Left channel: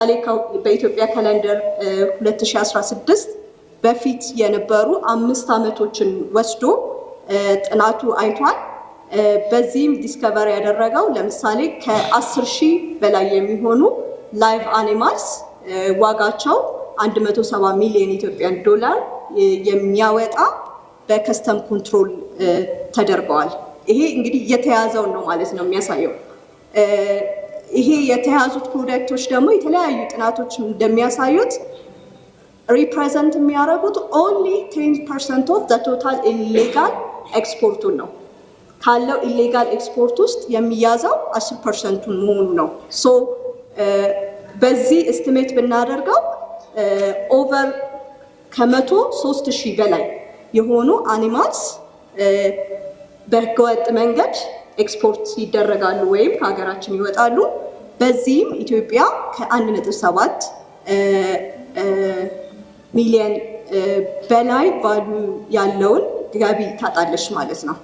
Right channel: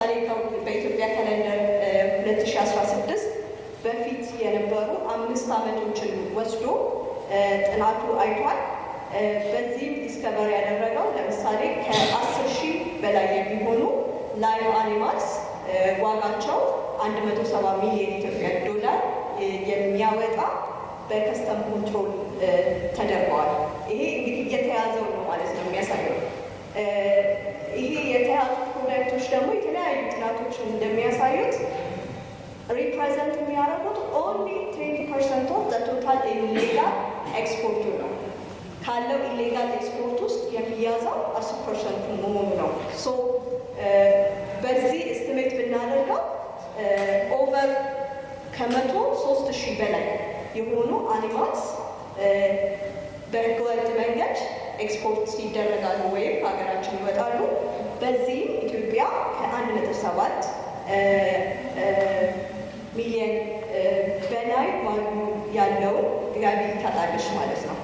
በኢትዮጵያ ካሌንደር 2016 በፊት የነበሩ 5 ዓመቶችን ወስዶ ጥናቱ አይቷል። በዚህም ዲስከቨር ያደረገው ለምሳሌ ከ10,000 በላይ የሚሆኑ ላይቭ አኒማልስ ዋጋቸው 170 ሚሊዮን ኢትዮጵያን ዶላር የሚያወጣ በከስተም ኮንትሮል ተደርገዋል። ይሄ እንግዲህ የተያዘው ነው ማለት ነው የሚያሳየው። ይሄ የተያዙት ፕሮዳክቶች ደግሞ የተለያዩ ጥናቶች እንደሚያሳዩት ሪፕሬዘንት የሚያደርጉት ኦንሊ 10% ኦፍ ዘ ቶታል ኢሌጋል ኤክስፖርቱን ነው። ካለው ኢሌጋል ኤክስፖርት ውስጥ የሚያዘው 10% መሆኑ ነው። ሶ በዚህ ኤስቲሜት ብናደርገው ኦቨር ከ103,000 በላይ የሆኑ አኒማልስ በህገወጥ መንገድ ኤክስፖርት ይደረጋሉ ወይም ከሀገራችን ይወጣሉ። በዚህም ኢትዮጵያ ከ1.7 ሚሊዮን በላይ ቫልዩ ያለውን ገቢ ታጣለች ማለት ነው።